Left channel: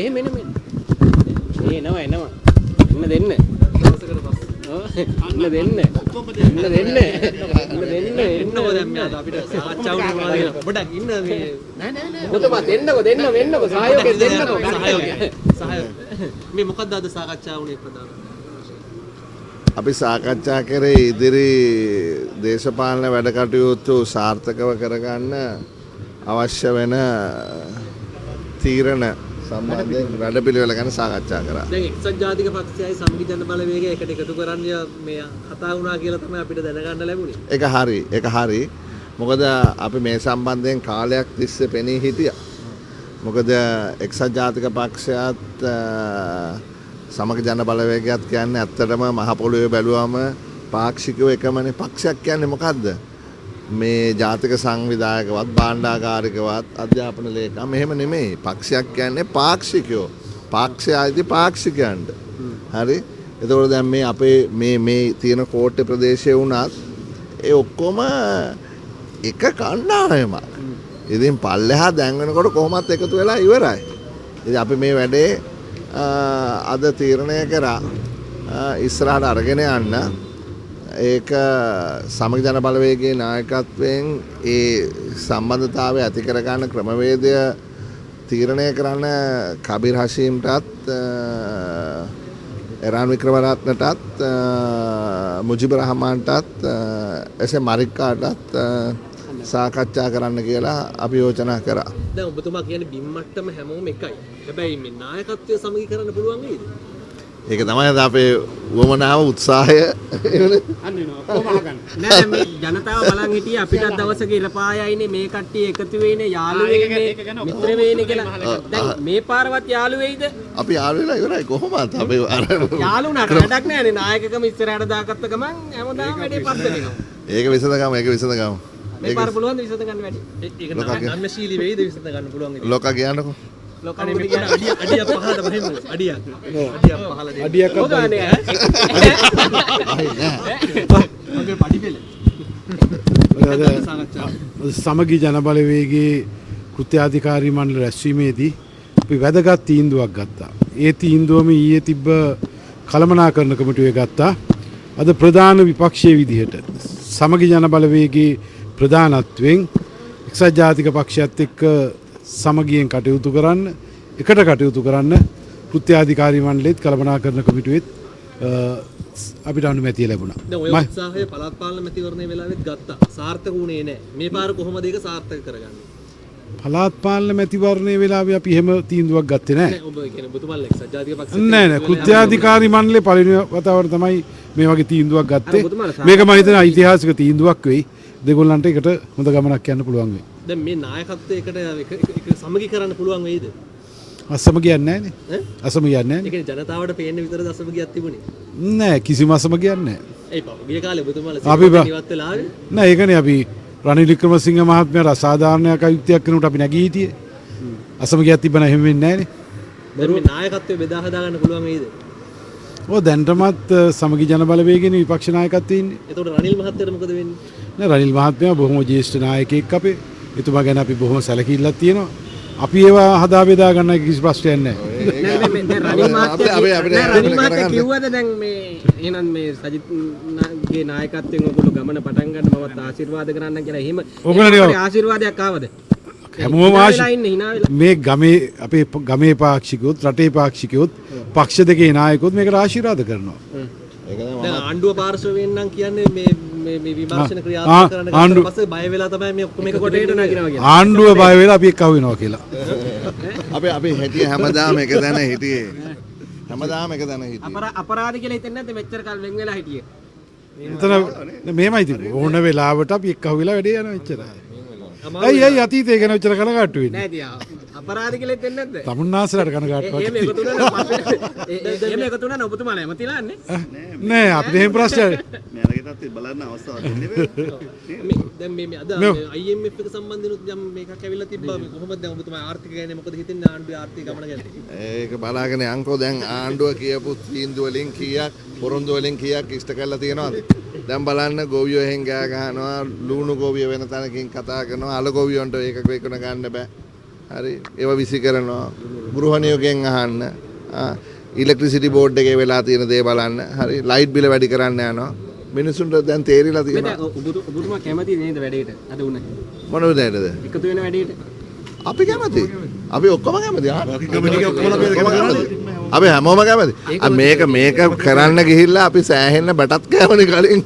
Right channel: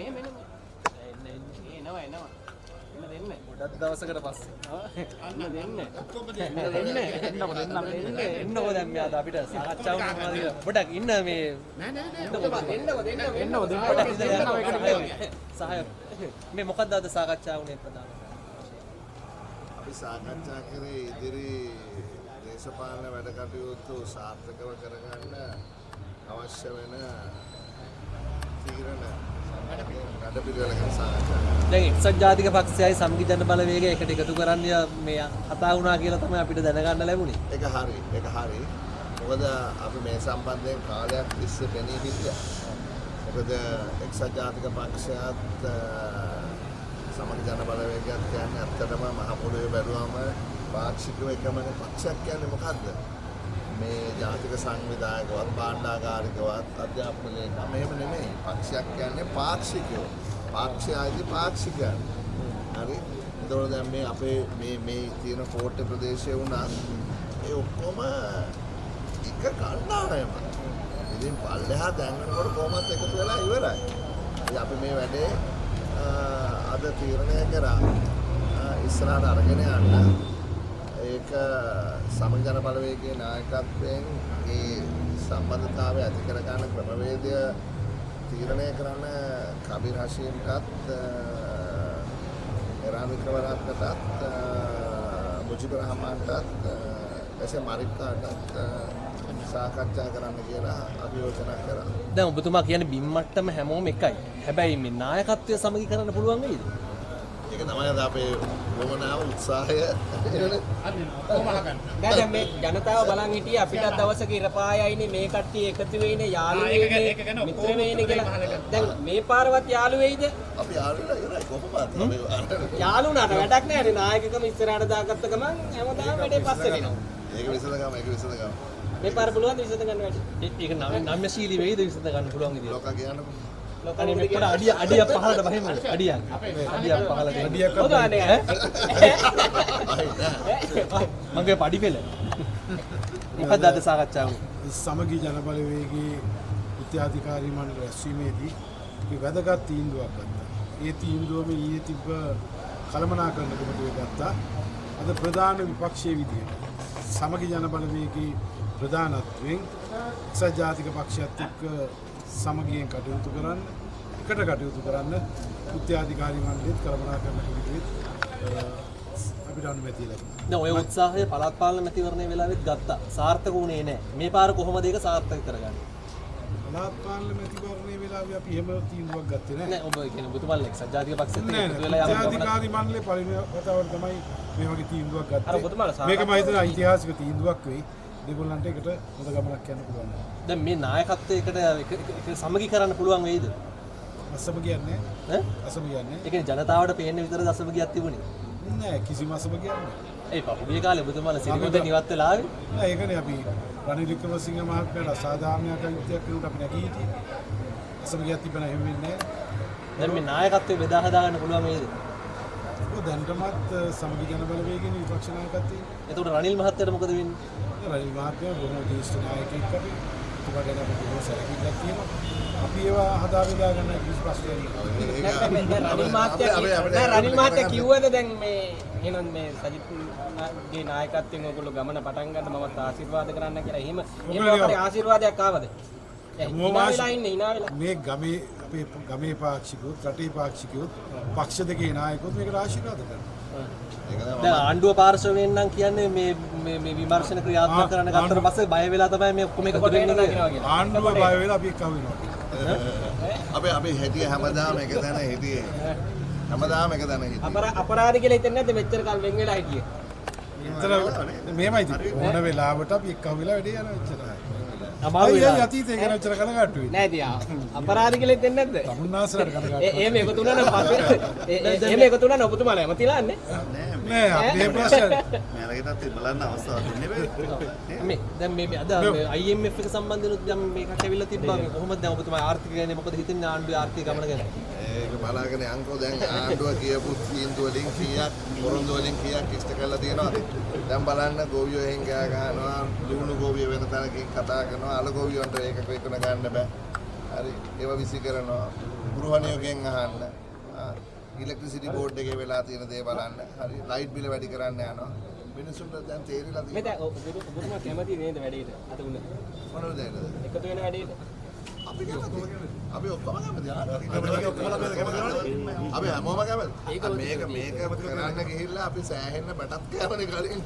මෙහෙම එන්න එනවා එන්න දෙන්න දවසකට පස්සේ අන්න දෙන්න ඔක්කොම දෙන්න එන්නකො දැන් මෙයා අපිට සාකච්ඡාවනේ මොනවද ඔබට ඉන්න මේ නෑ ඔතම දෙන්නකො සහයෝගය දෙන්නකො සහයෝගය මේ මොකක්ද අද සාකච්ඡාවුනේ ප්‍රධාන අපි සාකච්ඡා කරේ ඉදිරි දේශපාලන වැඩ කටයුතු සාර්ථකව කරගන්න අවශ්‍ය වෙන තීරණ සම්බන්ධයෙන් වැඩපිළිවෙල ගැන සාකච්ඡා කරා. දැන් එක්සත් ජාතික පක්ෂයයි සංවිධාන බලවේගය එකට එකතු කරන්න මේ කතා වුණා කියලා තමයි අපිට දැනගන්න ලැබුණේ. ඒක හරි. මොකද අපි මේ සම්බන්ධයෙන් කාලයක් තිස්සේ පෙනී හිටියා. මොකද එක්සත් ජාතික පක්ෂයත් සමග ජන බලවේගයත් කියන්නේ ඇත්තටම මහ පොළොවේ බැලුවම පාක්ෂිකව එකමනේ. පක්ෂයක් කියන්නේ මොකද්ද? මේ ජාතික සංවිධායකවත් භාණ්ඩාගාරිකවත් අධ්‍යාපන ලේකම් මෙහෙම නෙමෙයි. පක්ෂයක් කියන්නේ පාක්ෂිකයෝ. පාක්ෂයයිදී පාක්ෂිකයන්ට. හරි? එතකොට දැන් මේ අපේ මේ තියෙන කෝට්ටේ ප්‍රදේශයේ වුණත් ඒ ඔක්කොම එක කණ්ඩායමක්. ඉතින් පල්ලෙහා දැන් වෙනකොට කොහොමත් එකතු වෙලා ඉවරයි. ඉතින් අපි මේ වැඩේ අද තීරණය කරා ඉස්සරහට අරගෙන යන්න. ඒක සමග ජන බලවේගයේ නායකත්වයෙන් ඒ සම්බන්ධතාවය ඇති කරගන්න ක්‍රමවේදය තීරණය කරන්න කබීර් හෂීම්ටත් එරාන් වික්‍රමරත්නටත් මුජිබුර් රහමාන්ටත් එසේ මරික්කාටත් සාකච්ඡා කරන්න කියලා අපි යෝජනා කරා. දැන් ඔබතුමා කියන්නේ බිම් මට්ටම හැමෝම එකයි. හැබැයි මේ නායකත්වය සමගි කරන්න පුළුවන් නේද? ඒක තමයි අපේ වමනාව උත්සාහය. නෑ මේ ජනතාව බලන් හිටියේ අපිට දවසක ඉරපායයිනේ මේ කට්ටිය එකතු වෙන්නේ යාළු වෙන්නේ මිත්‍ර වෙන්නේ කියලා. දැන් මේ පාරවත් යාළු වෙයිද? අපි යාළු වෙලා ඉවරයි කොහොමද? අපි අර යාළු නට වැඩක් නෑනේ නායකකම ඉස්සරහට දාගත්ත ගමන් හැමදාම වැඩේ පස්සට එනවා. ඒක විසඳගමු. මේ පාර පුළුවන් ද විසඳ ගන්න වැඩි? ඒක නම්‍යශීලී වෙයිද විසඳ ගන්න පුළුවන් ඉතින්. ලෝක කියන්නකෝ. ලෝකනේ මේ කියන අඩියක් පහළට බහින්න අඩියක් පහළට අඩියක් මගේ පඩි පෙළ සමගි ජන බලවේගයේ කෘත්‍යාධිකාරී මණ්ඩල රැස්වීමේදී අපි වැදගත් තීන්දුවක් ගත්තා. ඒ තීන්දුවම ඊයේ තිබ්බ කළමනාකරණ කමිටුවේ ගත්තා. අද ප්‍රධාන විපක්ෂයේ විදිහට සමගි ජන බලවේගයේ ප්‍රධානත්වයෙන් එක්සත් ජාතික පක්ෂයත් එක්ක සමගියෙන් කටයුතු කරන්න එකට කටයුතු කරන්න කෘත්‍යාධිකාරී මණ්ඩලෙත් කළමනාකරණ කමිටුවෙත් අපිට අනුමැතිය ලැබුණා. දැන් ඔය උත්සාහය පළාත් පාලන මැතිවරණයේ වෙලාවෙත් ගත්තා. සාර්ථක වුණේ නැහැ. මේ පාර කොහොමද ඒක සාර්ථක කරගන්නේ? පළාත් පාලන මැතිවරණයේ වෙලාවේ අපි එහෙම තීන්දුවක් ගත්තේ නැහැ. ඔබ කියන්නේ ඔබතුමාලා එක්සත් ජාතික පක්ෂ නෑ කෘත්‍යාධිකාරී මණ්ඩලේ පළවෙනි වතාවට තමයි මේ වගේ තීන්දුවක් ගත්තේ. මේක මම හිතන ඓතිහාසික තීන්දුවක් වෙයි. දෙගොල්ලන්ට එකට හොඳ ගමනක් යන්න පුළුවන් වෙයි. දැන් මේ නායකත්වයකට සමගි කරන්න පුළුවන් වෙයිද? අසමගියක් නැහැ නේ. අසමගියක් නැහැ. ඒ කියන්නේ ජනතාවට පේන්නේ විතරද අසමගියක් තිබුණේ? නෑ කිසිම අසමගියක් නැහැ. ඒ පහුගිය කාලේ ඔබතුමාලා සිවිල් ඉවත් වෙලා ආවේ? නෑ ඒකනේ අපි රනිල් වික්‍රමසිංහ මහත්මයාට අසාධාරණයක් අයුක්තියක් කරනකොට අපි නැගී හිටියේ. අසමගියක් තිබ්බ නැහැ එහෙම වෙන්නේ නැහැ නේ. දැන් මේ නායකත්වය බෙදා හදා ගන්න පුළුවන් වෙයිද? ඔය දැන්ටමත් සමගි ජන බලවේගයේ විපක්ෂ නායකත්වයේ ඉන්නේ. එතකොට රනිල් මහත්තයාට මොකද වෙන්නේ? නෑ රනිල් මහත්මයා බොහොම ජ්‍යෙෂ්ඨ නායකයෙක් අපේ. එතුමා ගැන අපි බොහොම සැලකිල්ලක් තියෙනවා. අපි ඒවා හදා බෙදා ගන්න කිසි ප්‍රශ්නයක් නැහැ. නෑ දැන් රනිල් මහත්තයා කිව්වද දැන් මේ එහෙනම් මේ සජිත්ගේ නායකත්වයෙන් ඔයගොල්ලෝ ගමන පටන් ගන්න මමත් ආශිර්වාද කරන්න කියලා එහෙම ආශිර්වාදයක් ආවද? හැමෝම මේ ගමේ අපේ ගමේ පාක්ෂිකයොත් රටේ පාක්ෂිකයොත් පක්ෂ දෙකේ නායකයොත් මේකට ආශිර්වාද කරනවා. දැන් ආණ්ඩුව පාර්ශවයෙන් නම් කියන්නේ මේ විමර්ශන ක්‍රියාත්මක කරන ඊට පස්සේ බය වෙලා තමයි මේ ඔක්කොම එක කොටේට නගිනවා කියන්නේ. ආණ්ඩුව බය වෙලා අපි එක්ක වෙනවා කියලා. අපි හිටියේ හැමදාම එක තැන හිටියේ. හැමදාම එක තැන හිටියේ. අපරාධ කියලා හිතන්නේ නැද්ද මෙච්චර කල් වෙන් වෙලා හිටියේ? එතන මෙහෙමයි තිබුණේ. ඕන වෙලාවට අපි එක්ක වෙලා වැඩේ යනවා එච්චරයි. අයි අතීතේ ගැන ඔච්චර කනගාටු වෙන්නේ. නෑ තියා. අපරාධ කියලා හිතන්නේ නැද්ද? තමුන්නාසලට කනගාටු. එහෙම එකතු වුණා නම් එහෙම එකතු වුණා නම් ඔබතුමාලා එමතිලා යන්නේ. නෑ අපිට එහෙම ප්‍රශ්න නෑ. බලන්න අවස්ථාවක් දෙන්නේ. දැන් මේ අද IMF එක සම්බන්ධනොත් යම් මේකක් ඇවිල්ලා තිබ්බා. මේ කොහොමද දැන් ඔබතුමා ආර්ථික ගැන මොකද හිතන්නේ ආණ්ඩුවේ ආර්ථික ගමන ගැන? ඒක බලාගෙන යන්කෝ දැන් ආණ්ඩුව කියපු තීන්දුව වලින් කීයක් පුරුදු වලින් කීයක් ඉෂ්ට කරලා තියෙනවද? දැන් බලන්න ගෝවියෝ එහෙන් ගෑ ගහනවා ලුණු ගෝවිය වෙන තැනකින් කතා කරනවා අල ගෝවියොන්ට ඒක වෙකන ගන්න බෑ හරි ඒව විසි කරනවා ගෘහණියෝගෙන් අහන්න ඉලෙක්ට්‍රිසිටි බෝඩ් එකේ වෙලා තියෙන දේ බලන්න හරි ලයිට් බිල වැඩි කරන්න යනවා මිනිසුන්ට දැන් තේරිලා තියෙනවා ඔබතුමා කැමති නේද වැඩේට අද උනේ මොන විදිහටද එකතු වෙන වැඩේට අපි කැමති අපි ඔක්කොම කැමති අපි හැමෝම කැමති මේක කරන්න ගිහිල්ලා අපි සෑහෙන්න බටත් කෑවනේ කලින්